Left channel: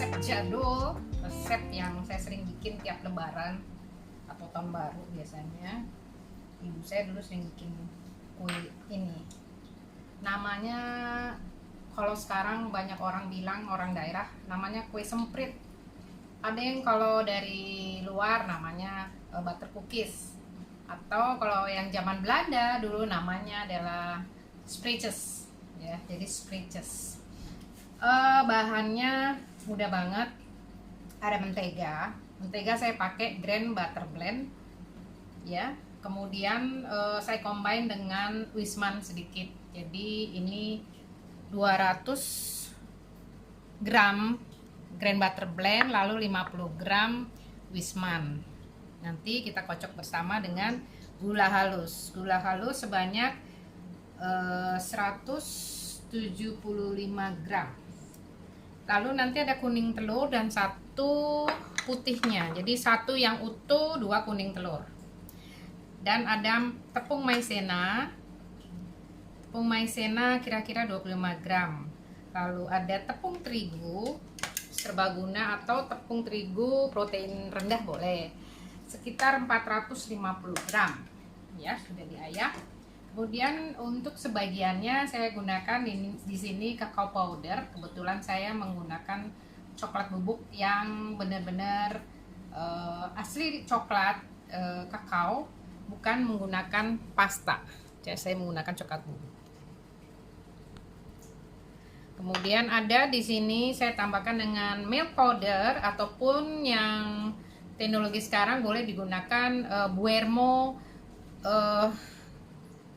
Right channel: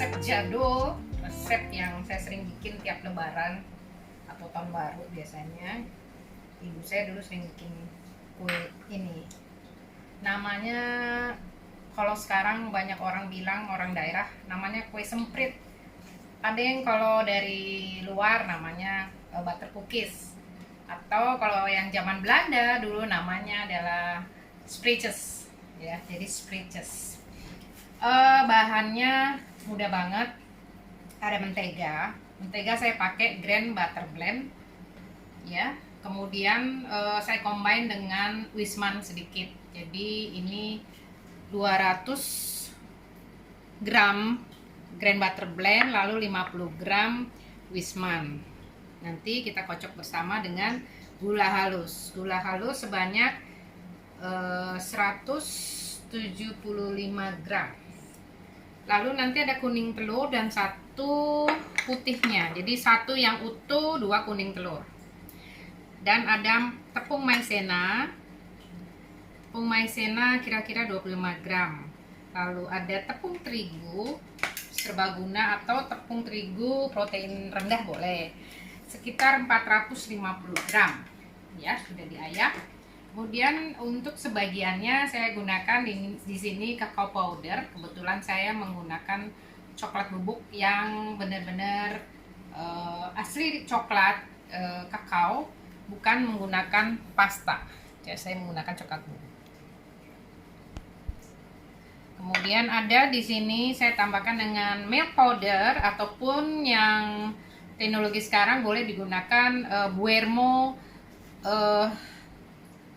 resep jadul, resep yang saya sering bikin tiap lebaran atau tahun baru biasanya. Ibu saya dulu sering bikin kue ini. Namanya, kalau sekarang banyak orang bilang, orang daerah, namanya kue semprit. Ada yang kalau dari luar namanya butter cookies. Atau kalau yang zaman Belanda dulu namanya adalah spreetjes. Ya, jadi spreetjes. Bahannya mudah banget. Ada mentega saya pakai Grand Butter Blend ya. Kemudian saya combine dengan Wisman sedikit, jadi ini 200 gram Grand Butter Blend, lalu 50 gram Wisman. Nanti kita kocok bersama dengan gula halus sebanyak 175 gram. Lalu nanti ada kuning telur dan satu putihnya, jadi satu yang utuh, dua kuning telur. Dan ada tepung maizena kira-kira 25 gram. Lalu ada tepung terigu serbaguna atau tepung terigu protein rendah boleh, sekitar 450 gram ya, sudah diayak. Kemudian untuk sebagiannya saya gunakan di sini kakao powder. Kebetulan saya menggunakan coklat bubuk yang benar-benar asli coklat kakao, bukan menggunakan pasta. Jadi saya menggunakan coklat bubuk. Kemudian ada di sini saya tambahkan dengan milk powder, ataupun yang teknologi sekarang boleh digunakan Buermo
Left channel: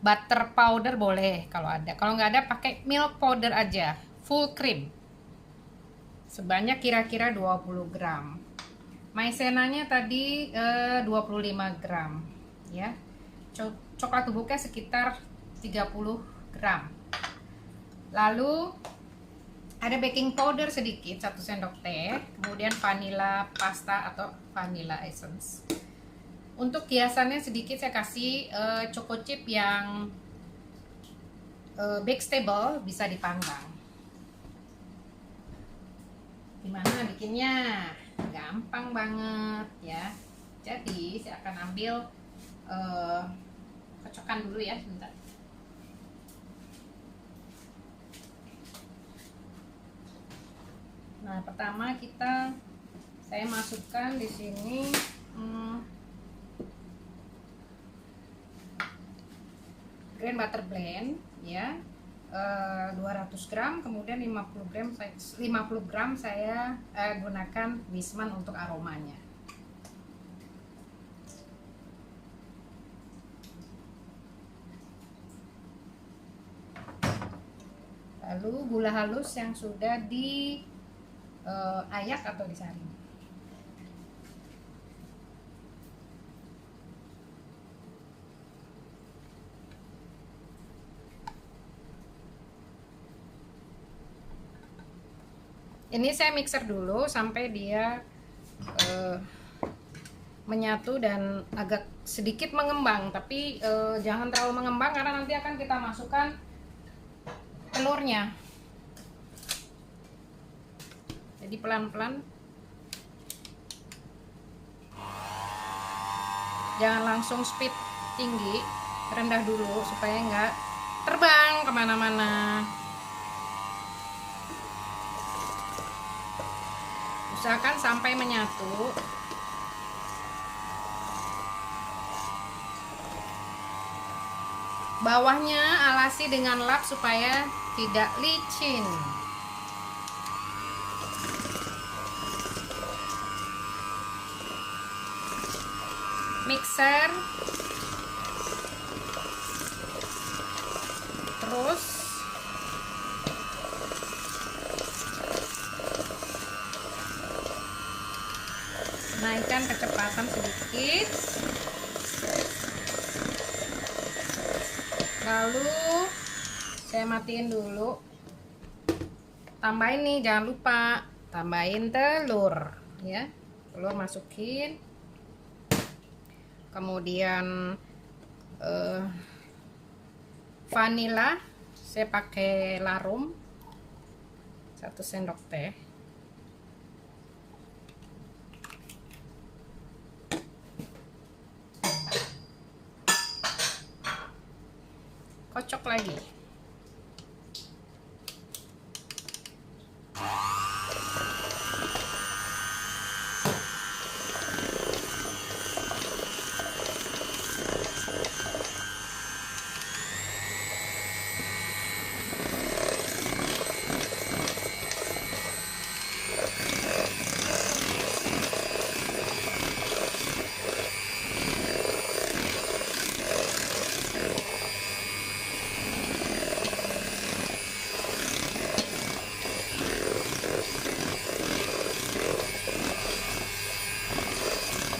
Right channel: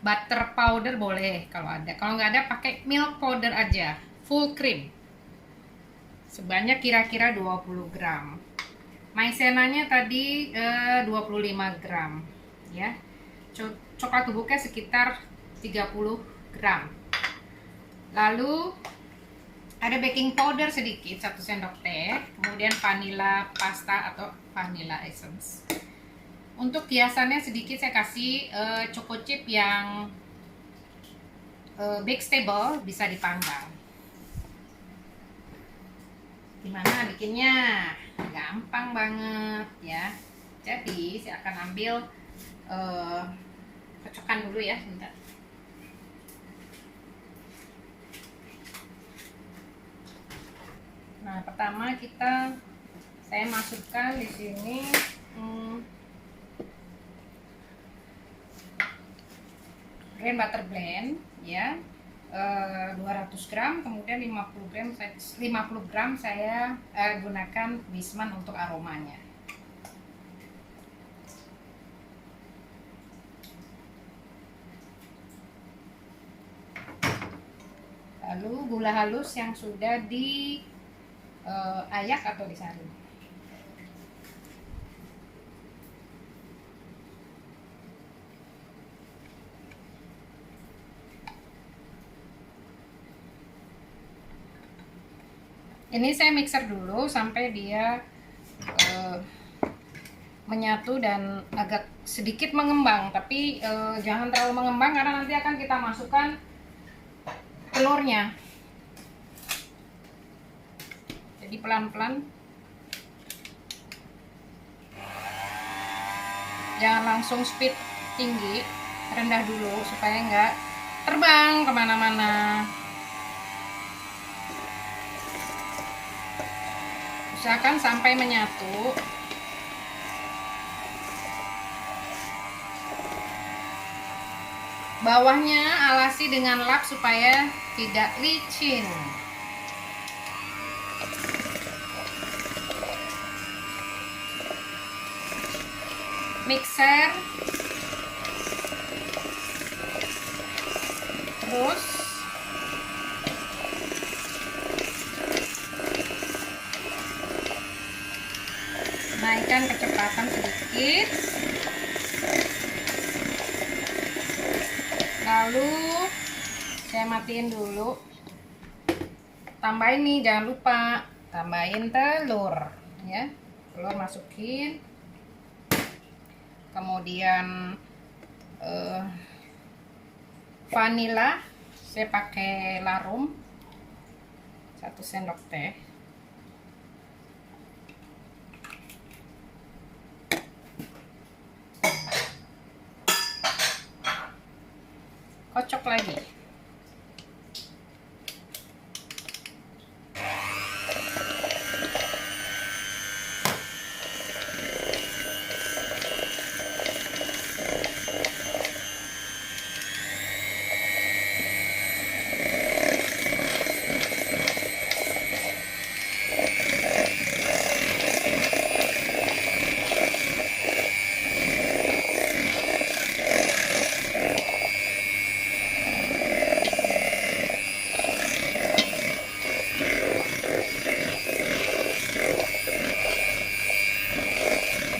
butter powder boleh kalau ada. Kalau nggak ada pakai milk powder aja, full cream. Sebanyak kira-kira 20 gram. Maizenanya tadi 25 gram ya. Coklat bubuknya sekitar 30 gram. Lalu ada baking powder sedikit 1 sendok teh, kemudian vanilla pasta atau vanilla essence. Untuk hiasannya sedikit saya kasih choco chip yang bake stable, bisa dipanggang. Gimana bikinnya? Gampang banget ya. Jadi saya akan ambil kocokkan dulu ya, sebentar. Nah, pertama saya masukkan di sini Grand Butter Blend ya, 200 gram, kemudian 50 gram saya gunakan Wisman untuk aromanya. Lalu gula halus yang sudah diayak atau disaring. Ini saya mixer dulu sampai dia menyatu dan agak sedikit mengembang, tapi jangan terlalu mengembang karena nanti akan kita masukkan telurnya. Jadi pelan-pelan, jangan langsung speed tinggi, rendah dulu supaya nggak terbang kemana-mana. Usahakan sampai menyatu. Bawahnya alasi dengan lap supaya tidak licin. Mixer. Terus naikkan kecepatan sedikit. Lalu saya matiin dulu. Tambahin nih, jangan lupa tambahin telur ya. Telur masukin. Kemudian vanila saya pakai larum 1 sendok teh. kocok lagi.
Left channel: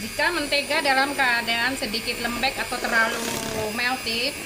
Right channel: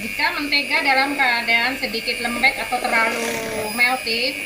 Jika mentega dalam keadaan sedikit lembek atau terlalu melty,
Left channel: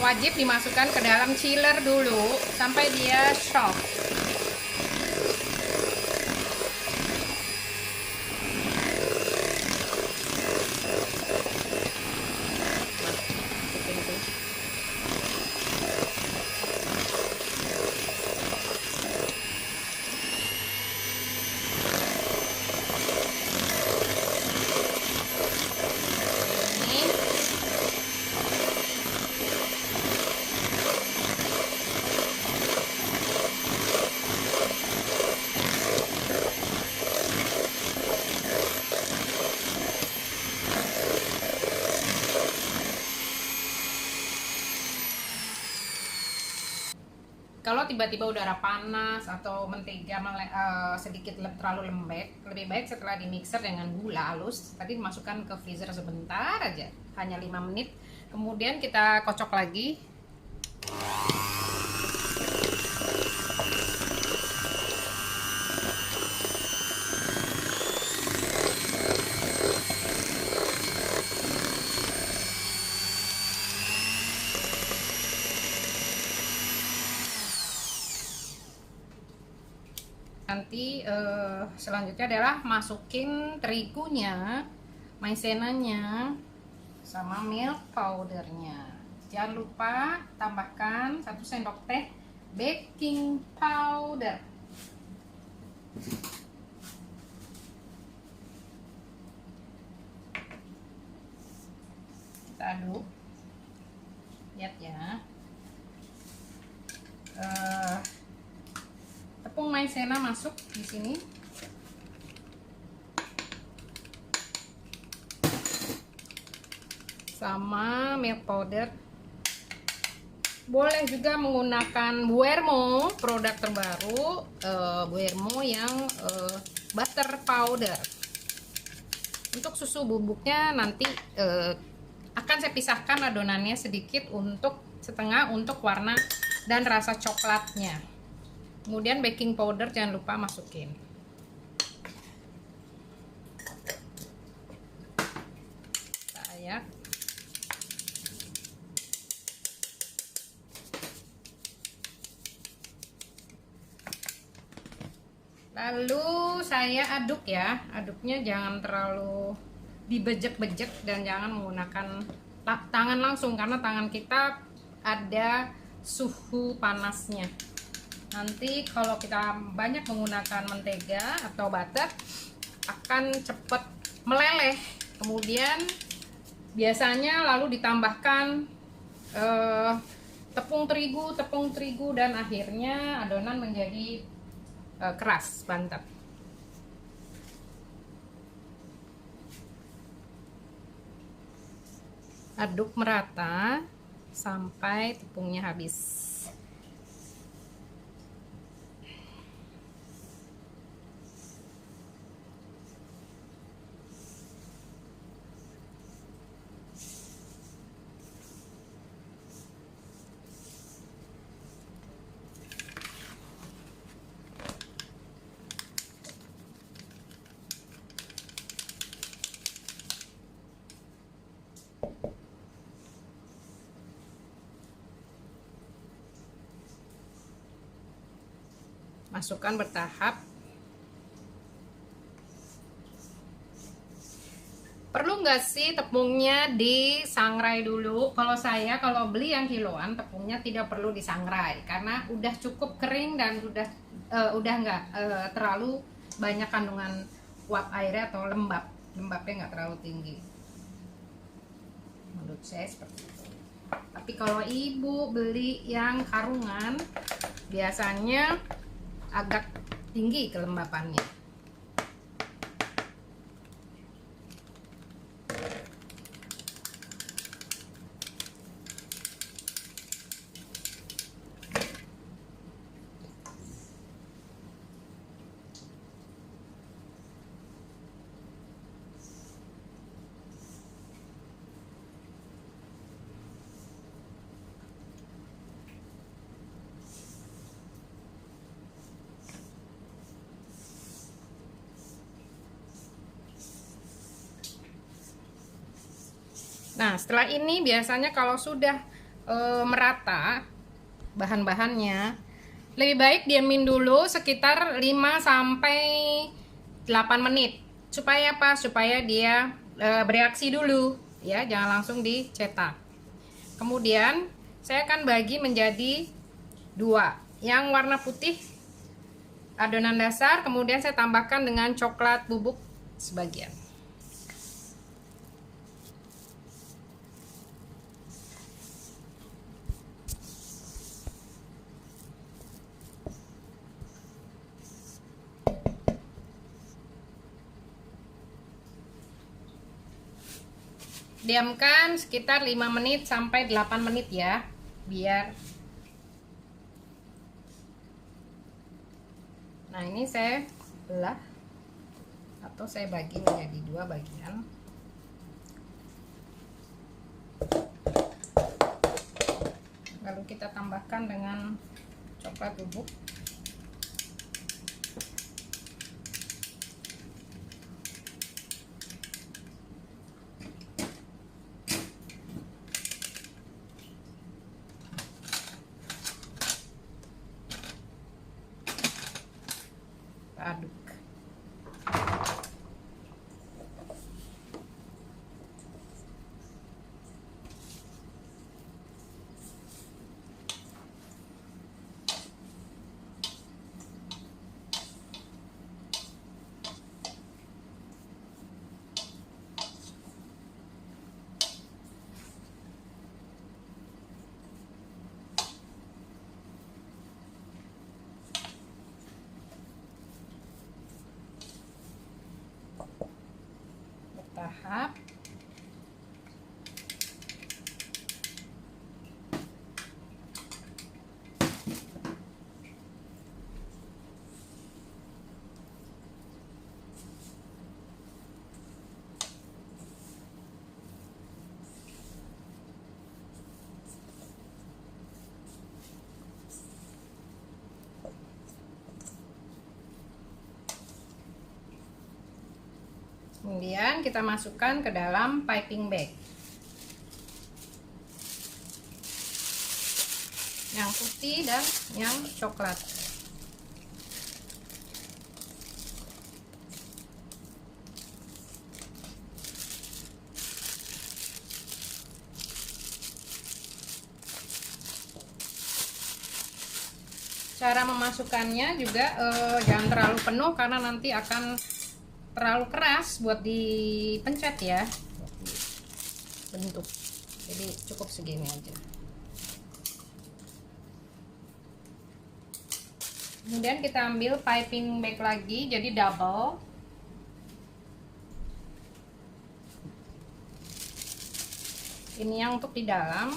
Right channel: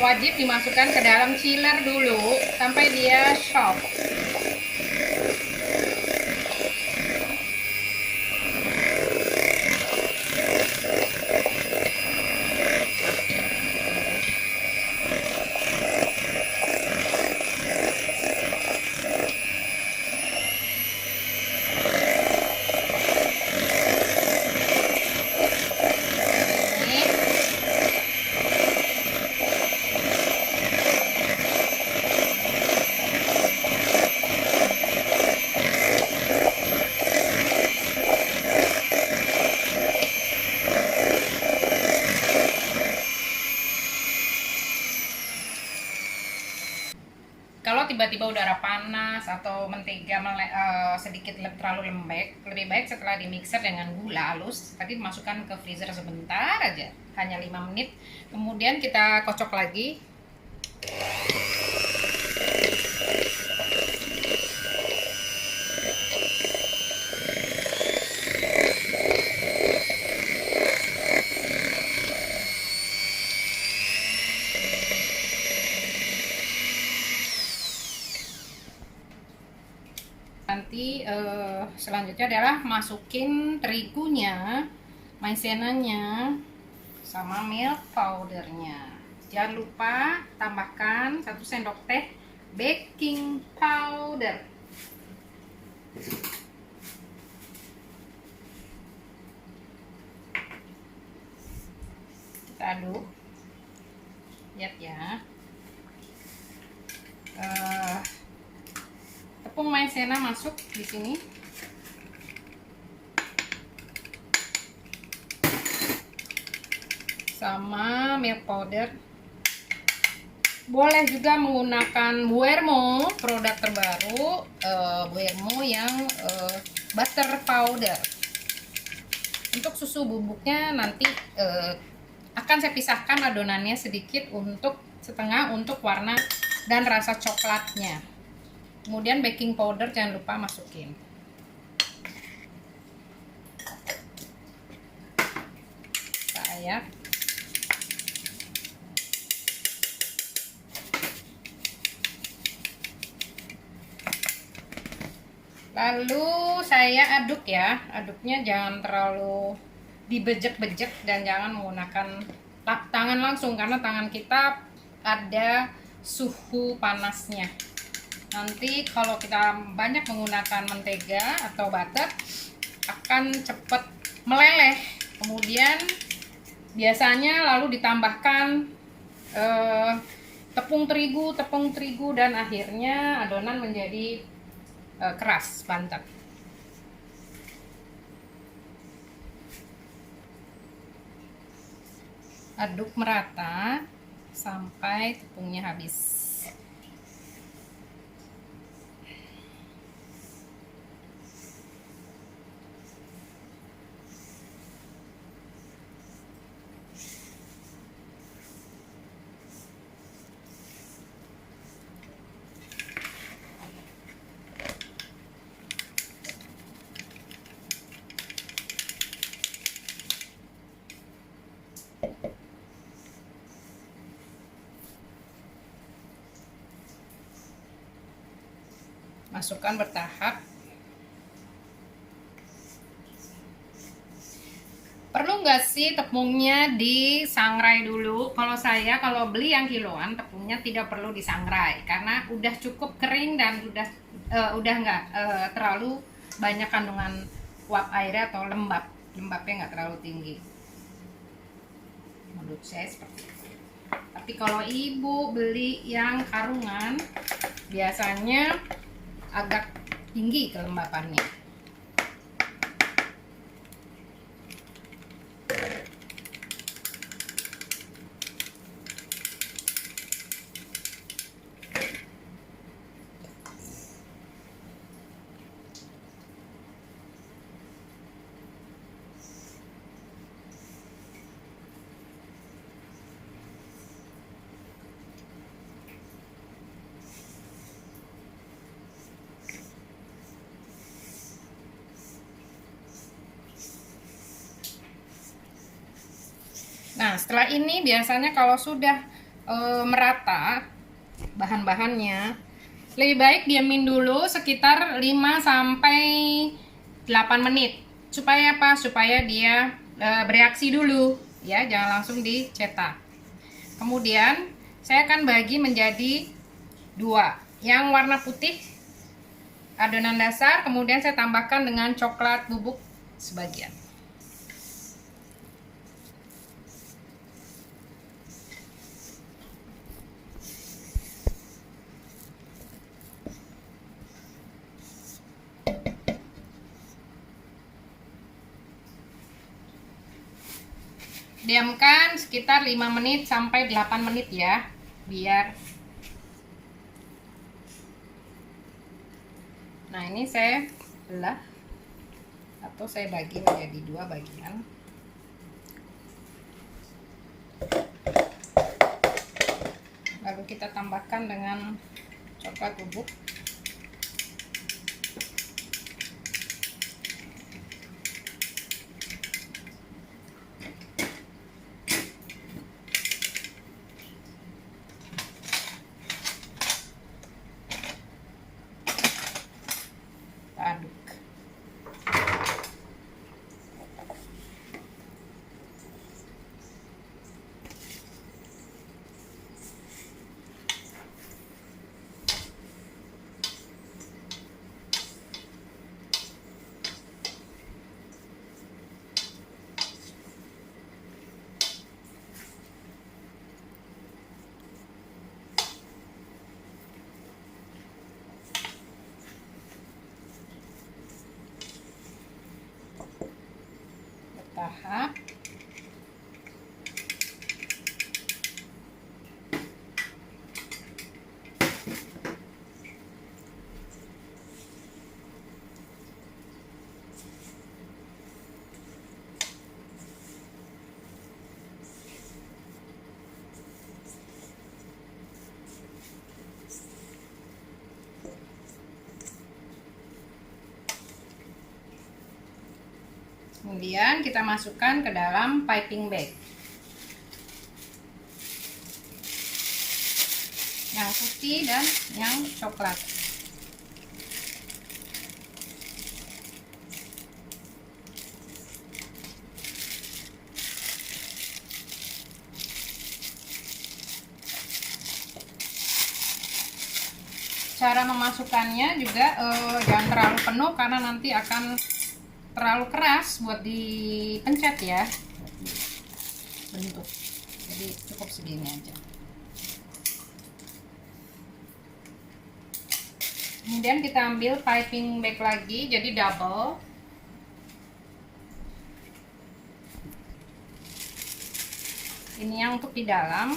wajib dimasukkan ke dalam chiller dulu sampai dia soft. Kalau tiba-tiba udara panas atau mentega sedikit terlalu lembek, lebih baik setelah dimixer dengan gula halus, tadi dimasukkan ke freezer sebentar aja, hanya 5 menit. Kemudian kita kocok lagi. Nanti selanjutnya adalah masukin terigunya, maizenanya, sama milk powdernya. Jangan lupa tambahkan 1 sendok teh baking powder. Kita aduk, lihat ya. Tepung maizena masuk di sini. Sama milk powder. Boleh juga menggunakan Buermo, produk terbaru Buermo yang butter powder. Untuk susu bubuknya nanti akan saya pisahkan adonannya sedikit, untuk setengah untuk warna dan rasa coklatnya. Kemudian baking powder jangan lupa masukin. Saya lalu saya aduk ya. Aduknya jangan terlalu dibejek-bejek dan jangan menggunakan tangan langsung, karena tangan kita ada suhu panasnya. Nanti kalau kita banyak menggunakan mentega atau butter akan cepat meleleh. Kemudian biasanya lalu ditambahkan tepung terigu dan akhirnya adonan menjadi keras, bantet. Aduk merata sampai tepungnya habis. Masukkan bertahap. Perlu nggak sih tepungnya disangrai dulu? Kalau saya kalau beli yang kiloan, tepungnya tidak perlu disangrai karena udah cukup kering dan udah nggak terlalu banyak kandungan uap airnya atau lembabnya nggak terlalu tinggi. Menurut saya seperti itu. Tapi kalau ibu beli yang karungan, biasanya agak tinggi kelembapannya. Nah, setelah ini biasanya kalau sudah merata bahan-bahannya, lebih baik diamin dulu sekitar 5 sampai 8 menit. Supaya apa? Supaya dia bereaksi dulu ya, jangan langsung dicetak. Kemudian saya akan bagi menjadi 2. Yang warna putih adonan dasar, kemudian saya tambahkan dengan coklat bubuk sebagian. Diamkan sekitar 5 menit sampai 8 menit ya, biar. Nah, ini saya belah atau saya bagi menjadi 2 bagian. Lalu kita tambahkan dengan coklat bubuk. Aduk. Bertahap. Kemudian kita masukkan ke dalam piping bag. Yang putih dan yang coklat. Cara memasukkannya juga jangan terlalu penuh karena nanti akan terlalu keras buat dipencet ya, bentuk. Jadi cukup segini aja. Kemudian kita ambil piping bag lagi, jadi double. Ini yang untuk di dalam.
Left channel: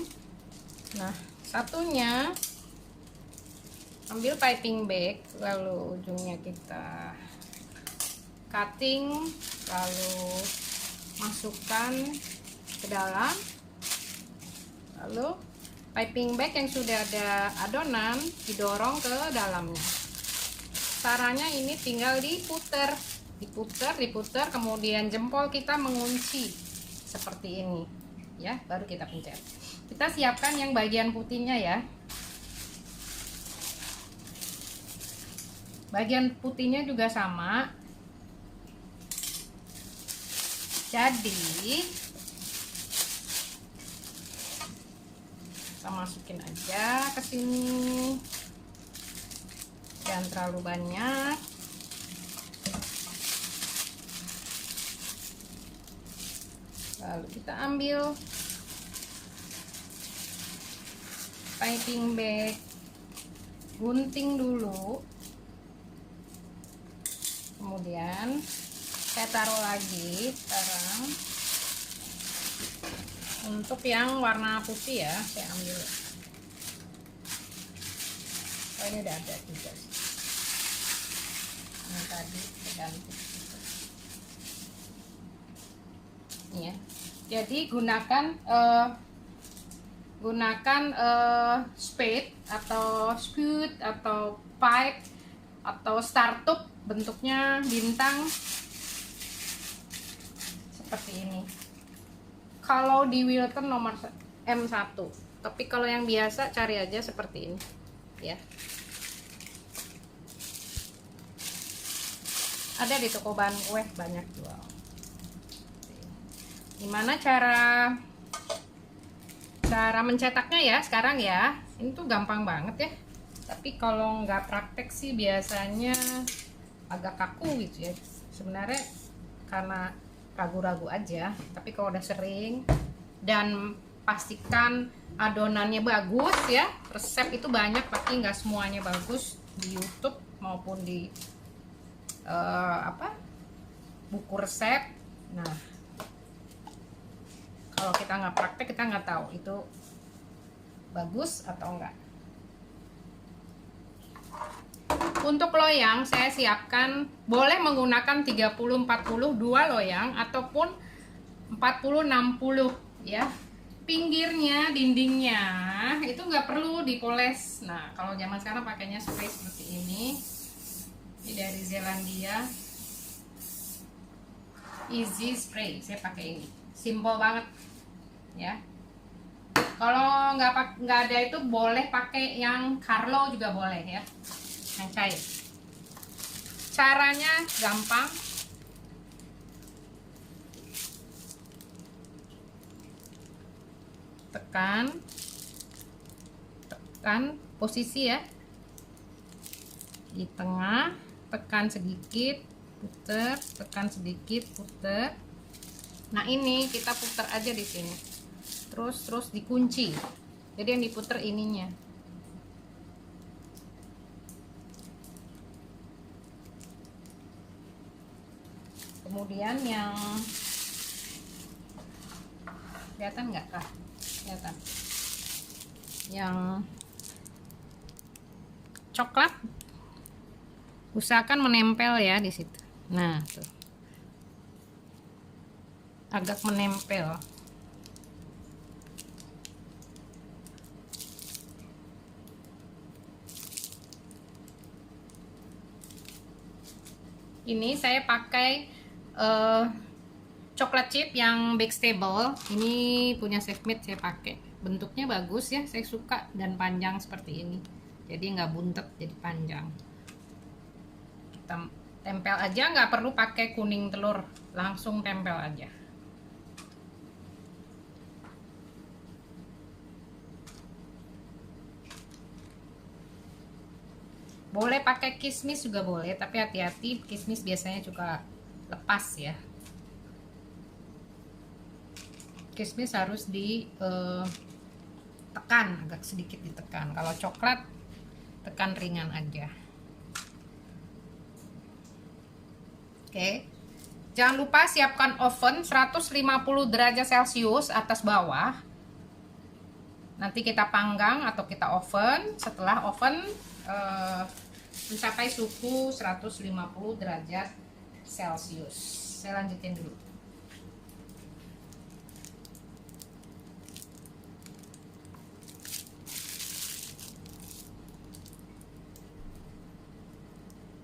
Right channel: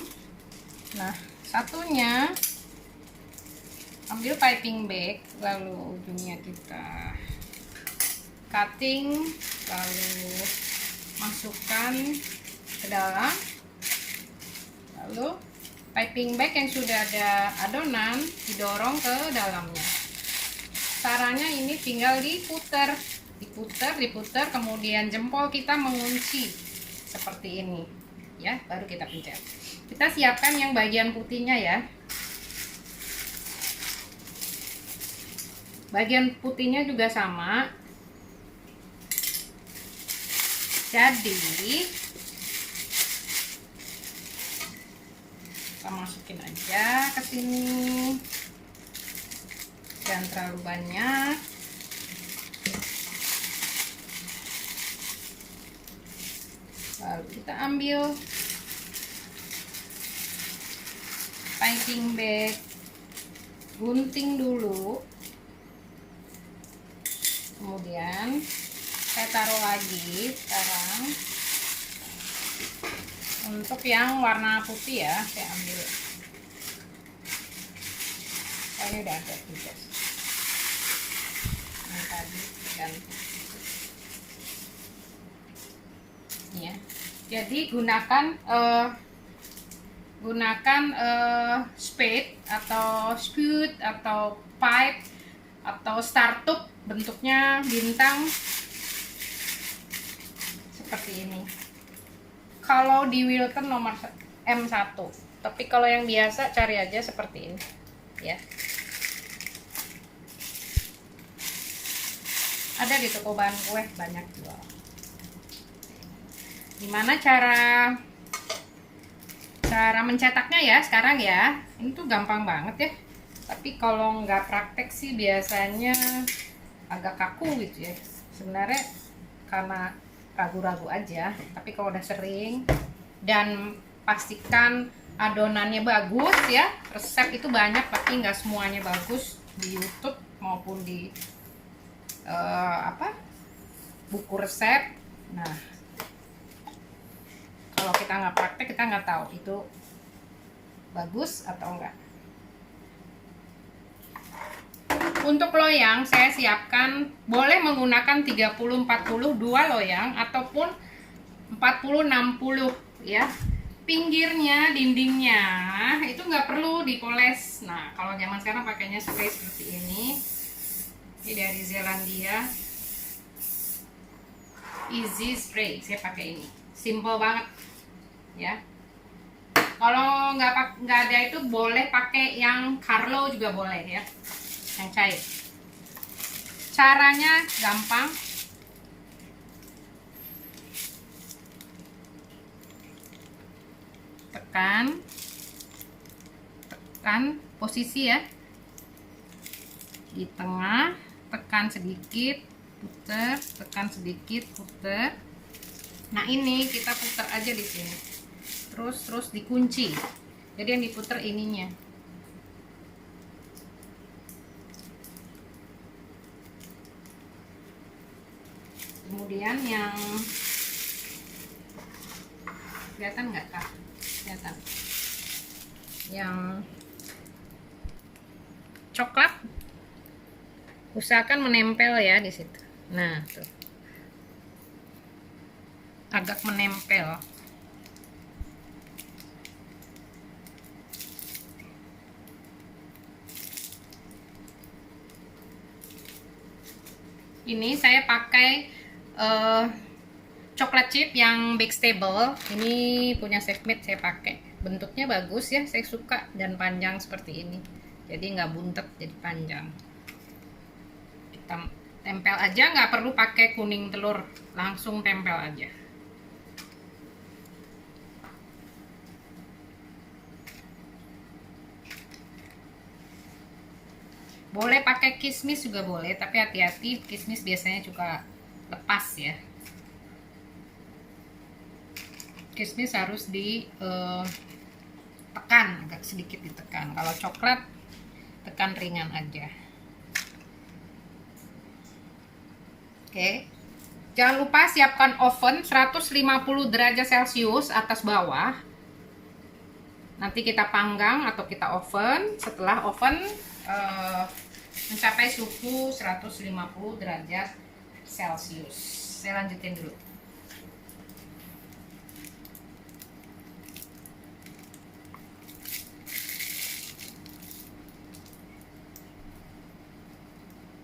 Nah, satunya ambil piping bag, lalu ujungnya kita cutting, lalu masukkan ke dalam. Lalu piping bag yang sudah ada adonan didorong ke dalamnya. Caranya ini tinggal diputer, kemudian jempol kita mengunci seperti ini ya, baru kita pencet. Kita siapkan yang bagian putihnya ya. Bagian putihnya juga sama. Jadi kita masukin aja ke sini, jangan terlalu banyak. Lalu kita ambil piping bag, gunting dulu, kemudian saya taruh lagi sekarang. Untuk yang warna putih ya, saya ambil. Oh, ini udah ada juga sih. Yang tadi ganti. Ini ya. Jadi gunakan spade atau spout atau pipe atau startup, bentuknya bintang seperti ini. Kalau di Wilton nomor M1, tapi kalau yang biasa cari aja seperti ini ya. Ada di toko bahan kue banyak jual. Gimana cara mencetaknya ya sekarang ya? Ini tuh gampang banget ya. Tapi kalau nggak praktek sih biasanya agak kaku gitu ya. Sebenarnya karena ragu-ragu aja. Tapi kalau udah sering dan pastikan adonannya bagus ya. Resep itu banyak tapi nggak semuanya bagus di YouTube maupun di buku resep. Nah, kalau kita nggak praktek kita nggak tahu itu bagus atau enggak. Untuk loyang saya siapkan boleh menggunakan 30-40 2 loyang ataupun 40-60 ya. Pinggirnya, dindingnya itu nggak perlu dipoles. Nah, kalau zaman sekarang pakainya spray seperti ini. Ini dari Zelandia. Easy Spray, saya pakai ini. Simple banget ya. Kalau nggak ada itu boleh pakai yang Carlo juga boleh ya, yang cair. Caranya gampang. Tekan posisi ya di tengah, tekan sedikit, puter, tekan sedikit, puter. Nah, ini kita putar aja di sini. Terus dikunci. Jadi yang diputar ininya. Kemudian yang kelihatan nggak kak? Kelihatan. Yang coklat usahakan menempel ya di situ. Nah, tuh. Agak menempel. Ini saya pakai coklat chip yang Big Stable. Ini punya Safemade saya pakai. Bentuknya bagus ya, saya suka, dan panjang seperti ini. Jadi nggak buntet, jadi panjang. Kita tempel aja, nggak perlu pakai kuning telur, langsung tempel aja. Boleh pakai kismis juga boleh, tapi hati-hati, kismis biasanya juga lepas ya. Kismis harus ditekan, agak sedikit ditekan. Kalau coklat tekan ringan aja. Oke. Jangan lupa siapkan oven 150 derajat Celcius atas bawah. Nanti kita panggang atau kita oven. Setelah oven mencapai suhu 150 derajat Celcius. Saya lanjutin dulu.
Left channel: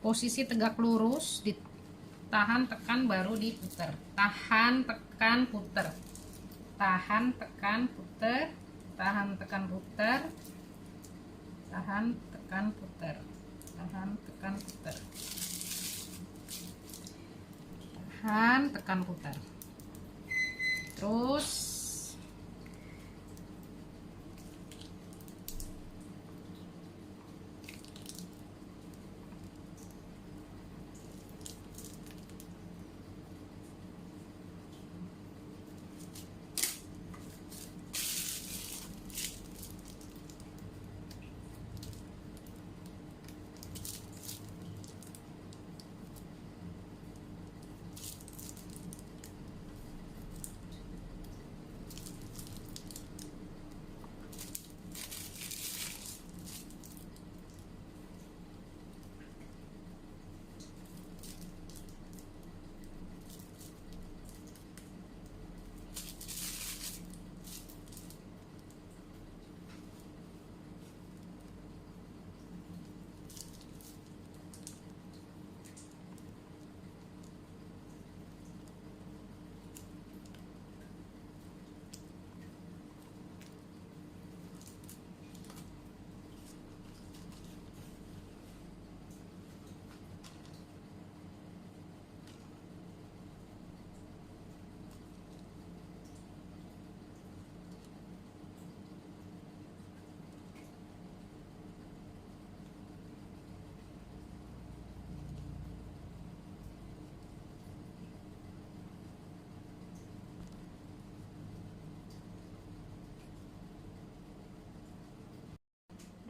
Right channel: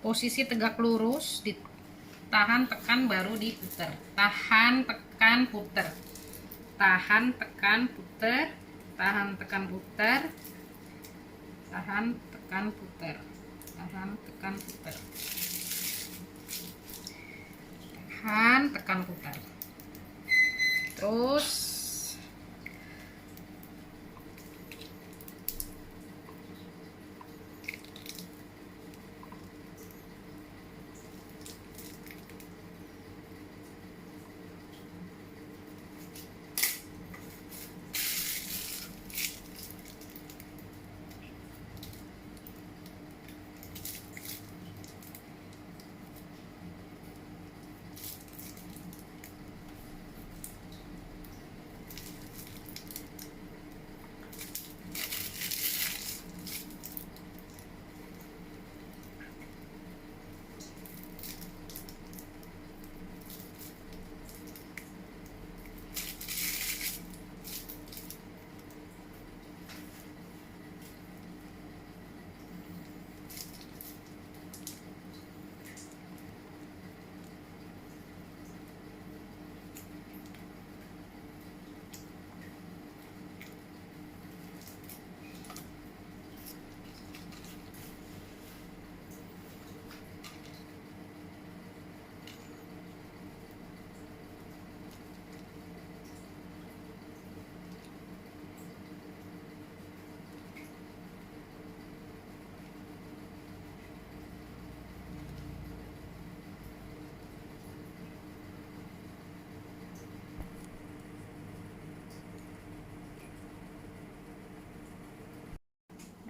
Posisi tegak lurus, ditahan, tekan, baru diputer. Tahan, tekan, puter. Tahan, tekan, puter. Tahan, tekan, puter. Tahan, tekan, puter. Tahan, tekan, puter. Tahan, tekan, puter. Terus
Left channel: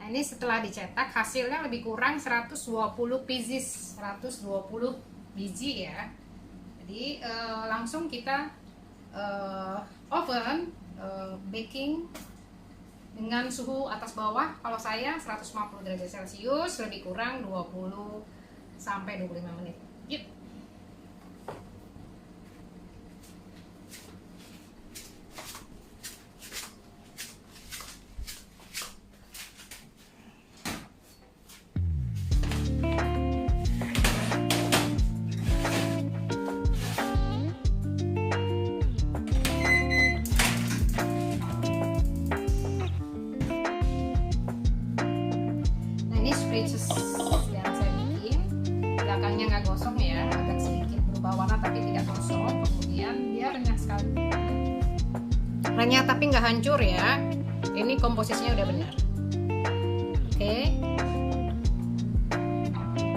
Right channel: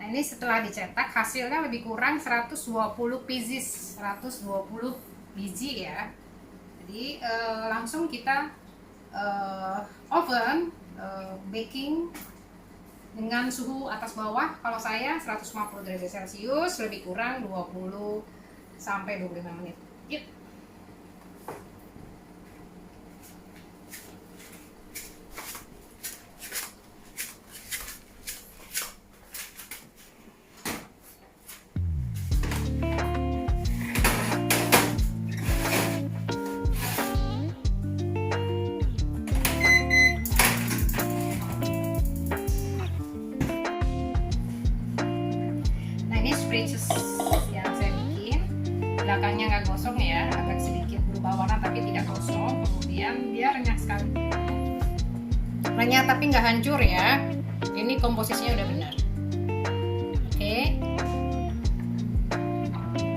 Nah, ini setelah dicetak hasilnya lebih kurang 120 pieces, 120 biji ya. Jadi langsung kita oven baking dengan suhu atas bawah. Kalau saya 150 derajat Celcius, lebih kurang 20 sampai 25 menit. Yuk. Ini spritzes yang saya bikin, belakangnya nggak gosong ya, agak sedikit berubah warna tapi tidak gosong. Kemudian dia renyah sekali, renyah tapi nggak hancur ya. Ini komposisinya udah benar. Oke,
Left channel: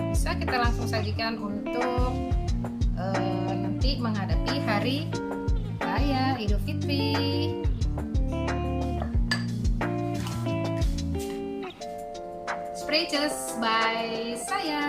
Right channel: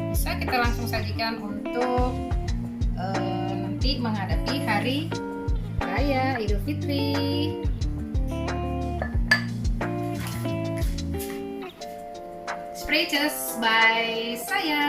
bisa kita langsung sajikan untuk nanti menghadapi hari raya Idul Fitri. Spritzes by saya.